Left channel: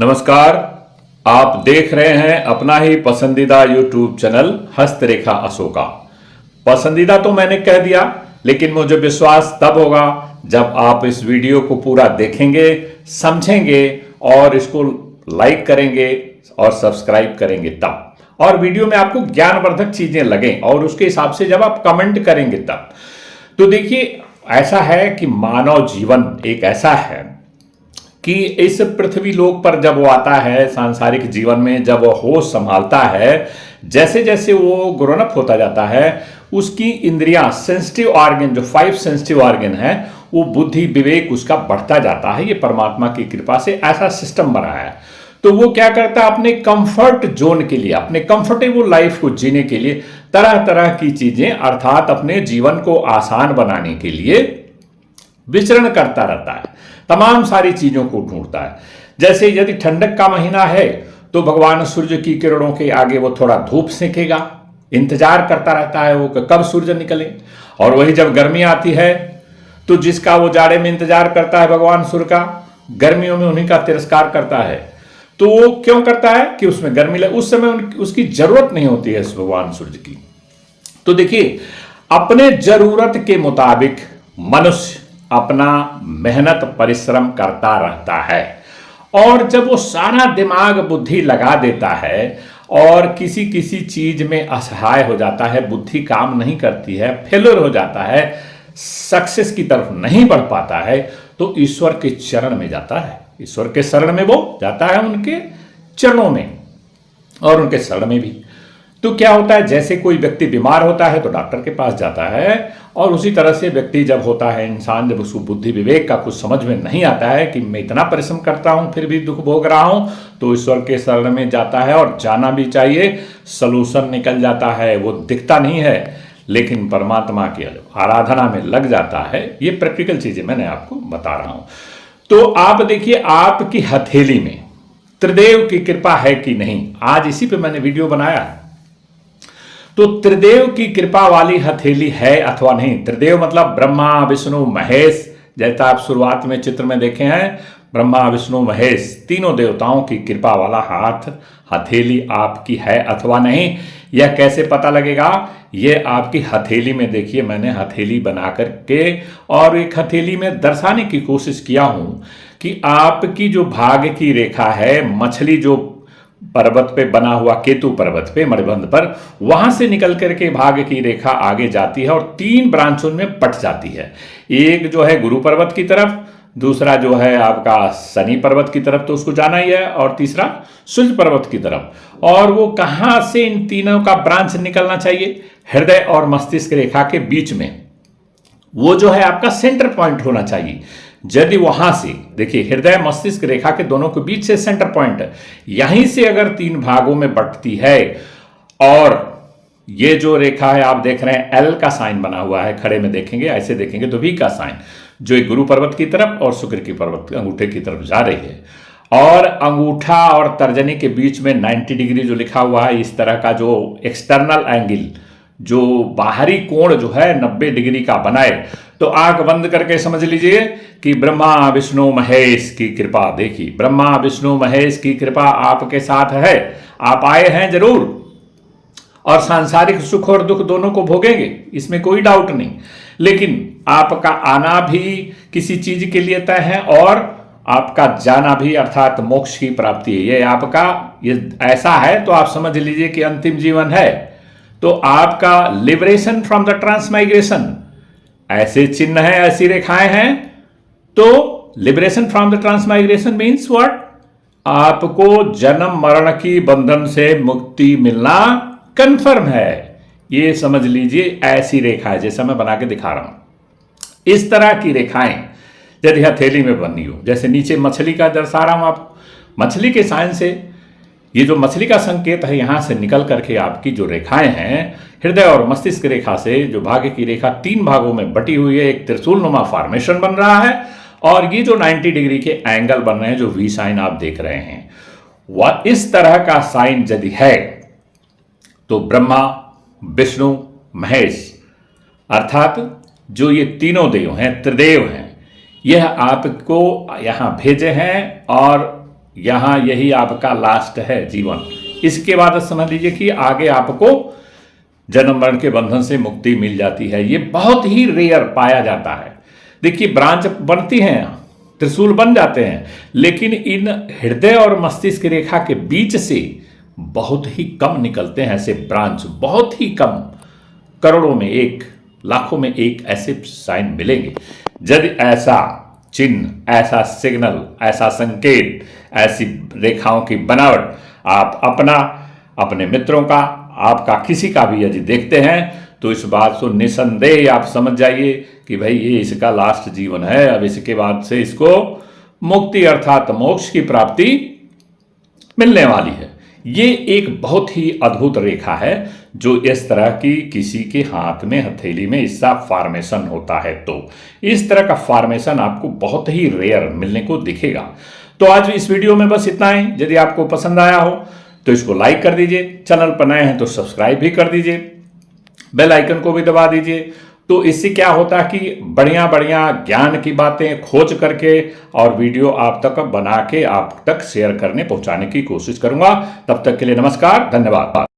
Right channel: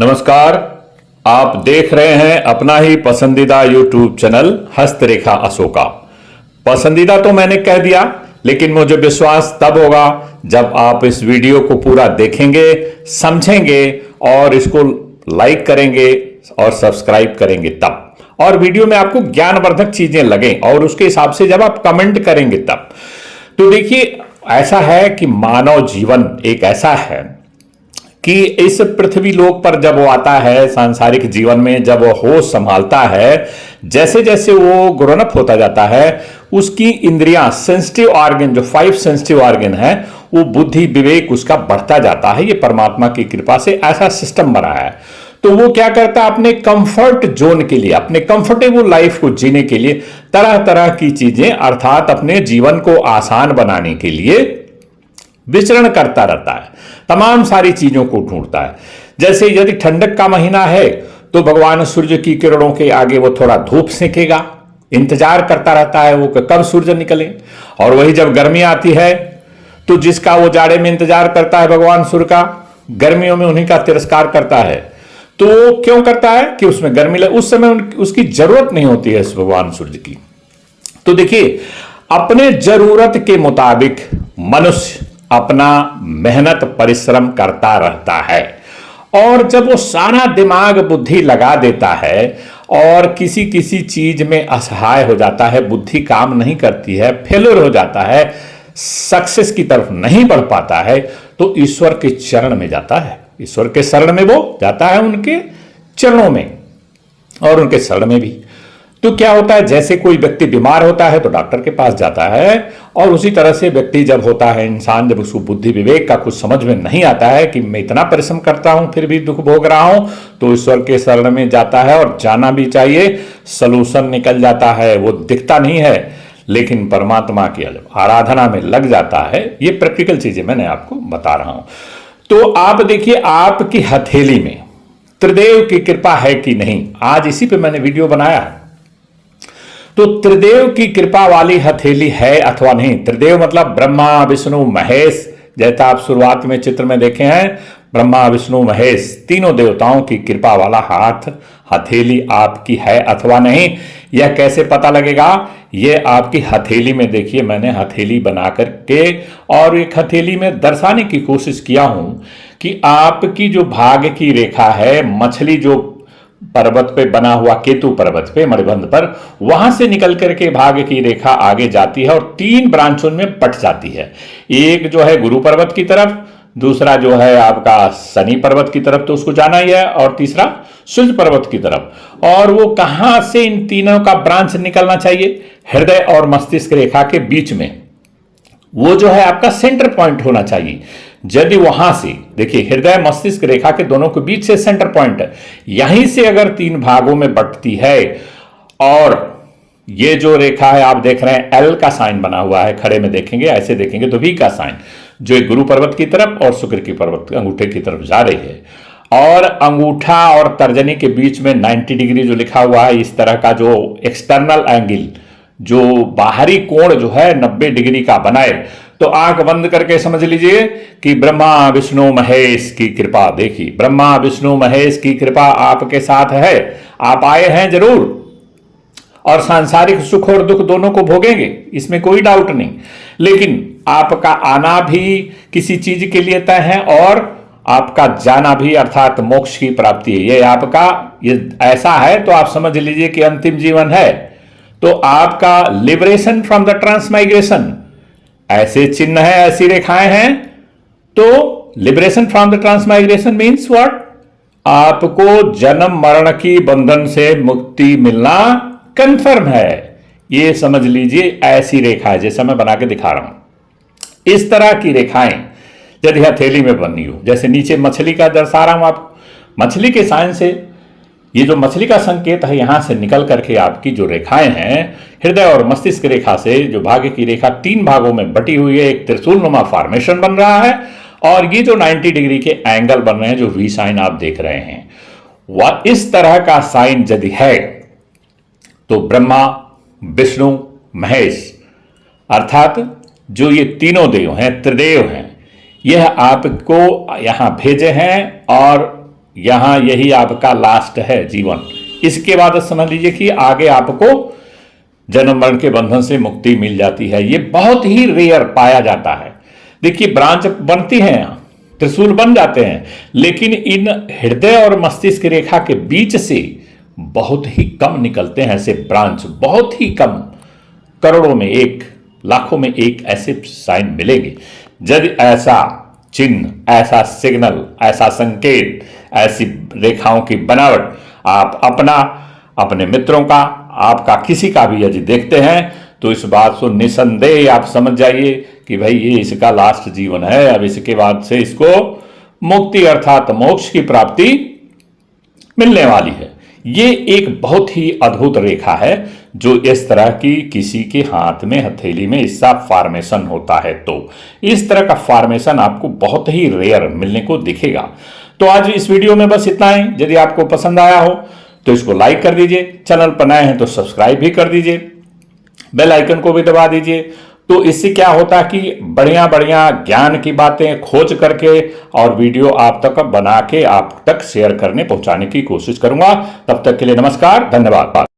नमस्कार। आप देख रहे हैं अपना ही पसंदीदा यूट्यूब चैनल हस्तरेखा अशोका। पसंदीदा तो मैंने कह दिया, लेकिन मुझे विश्वास तब होगा जब आप इस वीडियो को पूरा देखेंगे, समझेंगे और इसको लाइक करेंगे और सब्सक्राइब करेंगे तब, और वीडियो में आपको ज्ञानवर्धक चीजें लगें और उसके हिसाब से जब आप कमेंट करेंगे तब। तो देखिए, ऐसा है कि मानव जीवन एक ऐसा है कि इस पृथ्वी लोक पर जब वो आता है, सांसारिक जीवन में जब वो होश संभालता है, जैसे जैसे वो ग्रोन अप होता जाता है, उसकी इंद्रियां, सेंसिटिव ऑर्गन, जो 5 सेंसिटिव ऑर्गन है, वो बुद्धि विवेक उसका बढ़ता जाता है। ये परमात्मा की कृपा से ऐसा सिस्टम बना है। तो वो क्या करता है, अपने कंफर्ट जोन के लिए, अपने कंफर्टेबल लाइफ को जीने के लिए तरह तरह की चीजें, अर्थात अपने जीवन को आसान बनाने के लिए विचरण करता रहता है, तमाम सारी चीजों को ढूंढता है। जैसे यदि ठंडक का महीना है तो भगवान सूर्य की किरणों के आगे वो थोड़ा धूप सेकेगा, इंतजार करता रहता है वो कि कब सूर्य निकले। और वही जब गर्मी आती है तो जिसका वो जाड़े में इंतजार करता है भगवान सूर्य का, गर्मियों में उन्हीं का तिरस्कार करता है। तो क्यों करता है कि उसमें गर्मी लगे, उस समय उसकी जरूरत नहीं होती है इस भगवान सूर्य की। तो देखिए, अपने जरूरत के मुताबिक मनुष्य अपना मेहनत परिश्रम करता रहता है, और जब वो सारा दिमाग बुद्धि लगा देता है और किसी किसी चीज में असहाय हो जाता है, बुद्धि काम नहीं करती है, फेलियर हो जाता है, सक्सेस की तरफ नहीं बढ़ पाता है, तो ईश्वर के चरण में जाता है। ईश्वर के शरण में वो जाता है, उनके चरणों में और उनके शरण में भी। तो क्या होता है, जैसे कोई व्यक्ति बीमार होता है तो डॉक्टर के पास जाता है, और उसी तरह से व्यक्ति जब होता है, इंसान जब उसको बुद्धि विवेक का कुछ समझ में नहीं आता है कि मैं इतना परिश्रम करता हूं फिर भी दुख भोग रहा हूं, तो ईश्वर के शरण में जाता है, और जाना भी चाहिए। सलूशन निकल जाता है, वो दिखता नहीं है, लेकिन परमात्मा की आराधना में लग जाता है। ये प्रैक्टिकल चीजें मैंने आपको बता रहा हूं। तो आप देखिए, आपकी हथेली में त्रिदेव की कृपा है कि नहीं, आज इसी पे मैंने वीडियो बनाया है। तो त्रिदेव की कृपा वाली हथेली है अथवा नहीं। त्रिदेव मतलब ब्रह्मा विष्णु महेश, जैसा आप शुरुआत में चित्र में देखे हैं, ब्रह्मा विष्णु महेश तीनों देवताओं की कृपा वाला हाथ, हथेली आपकी है अथवा नहीं, यह कैसे पता लगेगा? यह आपकी हथेली में देखिए, मैंने हथेली बना करके और एक हथेली में दर्शाने की कोशिश किया हूं कि आपकी जो भाग की रेखा है, मछली जो पर्वत पे बना हुआ, केतु पर्वत पे मणिबंध पर, वहां से निकल करके भाग की रेखा आगे जाती है और 3 ब्रांचों में बट जाती है। एक जो है गुरु पर्वत की तरफ, दूसरा जो है आपका शनि पर्वत की तरफ, तो उसको जाना ही है, और तीसरा सूर्य पर्वत की तरफ। और वो कहां से इन तीनों का ब्रांच निकलना चाहिए? हृदय और मस्तिष्क रेखा के बीच में, वो जो है आपका सेंटर पॉइंट होना चाहिए। यदि वहां से देखिए, हृदय मस्तिष्क रेखा के दोनों के बीच से सेंटर पॉइंट है, यहीं से अगर 3 भागों में बंटती है, और ये जो रेखा है आप देख रहे हैं, एल का साइन बना हुआ है, खड़े में देखेंगे, ऐसे देखेंगे तो वी का साइन, जो एक गुरु पर्वत की तरफ और शुक्र की पर्वत अंगूठे की तरफ जा रही है, और अंगूठा और तर्जनी के बीच में 90 डिग्री जो लिखा हुआ है, इस तरह का जो एक्सटर्नल एंगल, जो बाहरी कोण जो है 90 डिग्री का बनाए, तो आंख बंद करके समझ लीजिए कि ब्रह्मा विष्णु महेश की कृपा। देखिए, ब्रह्मा विष्णु महेश की कृपा आपके साथ है, आप आए हैं जरूर, और सांसारिक सुख और दुख दोनों को भोगेंगे, इसमें कोई डाउट नहीं। लेकिन आपका आना भी किसी चीज के लिए तय है, और आपका जाना भी, अर्थात मोक्ष की प्राप्ति है। ये आपका, ये ऐसा है तो आप समझ लीजिए कि अंतिम जीवन है। तो आपका लिबरेशन फ्रॉम द ट्रांसमाइग्रेशन, ऐसे चिन्ह है, ऐसी रेखाएं हैं, तो liberation from the transmigration means what? आपको जन्म मरण की बंधन से मुक्ति मिलना कंफर्म है। ये समझ लीजिए, ऐसी रेखा है जैसा मैं बना के दिखा रहा हूं। इस तरह की रेखाएं यदि हथेली में बनी हो, जैसे नीचे मछली का दर्शा रहा हूं आप, मछली के साइन से, ये जो मछली का संकेत है, यहां से निकल करके आपकी जो रेखाएं हैं, हृदय और मस्तिष्क रेखा से जो भाग्य की रेखा 3 भागों में बटी हुई है, एक त्रिशूलनुमा फॉर्मेशन बन रहा है, और ये जो 90 डिग्री के एंगल बन रहे हैं, जो वी साइन आप देख रहे हैं, वह इस तरह का साइन यदि है, तो ब्रह्मा विष्णु महेश, अर्थात जो ये तीनों देव हैं, त्रिदेव हैं, यह आपको यहां भेजे हैं, और यहाँ यही आपका लास्ट है जीवन। इसके बाद समझ लीजिए कि आगे आपको जन्म मरण के बंधन से मुक्ति मिल जाती है। ये बहुत ही रेयर पाया जाता है। देखिए ब्रांच बनती हैं, त्रिशूल बन जाते हैं, लेकिन इन हृदय और मस्तिष्क रेखा के बीच से बहुत ही कम निकलते हैं ऐसे ब्रांच, बहुत ही कम, करोड़ों में एक, लाखों में एक ऐसे साइन मिलेंगे। यदि ऐसा चिन्ह, ऐसा सिग्नल, ऐसा संकेत, ऐसी रेखाओं की बनावट आप अपना, अपने मित्रों का, आपका किसी का भी यदि देखते हैं तो इस बात को निसंदेह आप समझ जाइए कि भाई ये इसका लास्ट जीवन है। अब इसके बाद से इसको मुक्ति अर्थात मोक्ष की प्राप्ति मिलने वाली है। ये एक बहुत ही अद्भुत रेखा है जो इस तरह की किसी के हाथ में, हथेली में इसका फॉर्मेशन होता है। तो इस तरह का फॉर्मेशन आपको बहुत ही रेयर मिलने को दिखेगा। तो आज इस वीडियो में बस इतना ही। यदि आपको पसंद आया हो तो इसको लाइक कर दीजिए, चैनल पर नए हैं तो सब्सक्राइब भी कर दीजिए, बेल आइकन को भी दबा दीजिए। तो इससे क्या होता है कि बढ़िया बढ़िया ज्ञान की बातें खोज करके और वीडियो आप तक बना के आप तक शेयर करने, पहुंचाने की कोशिश करूंगा। तब तक के लिए नमस्कार, धन्यवाद।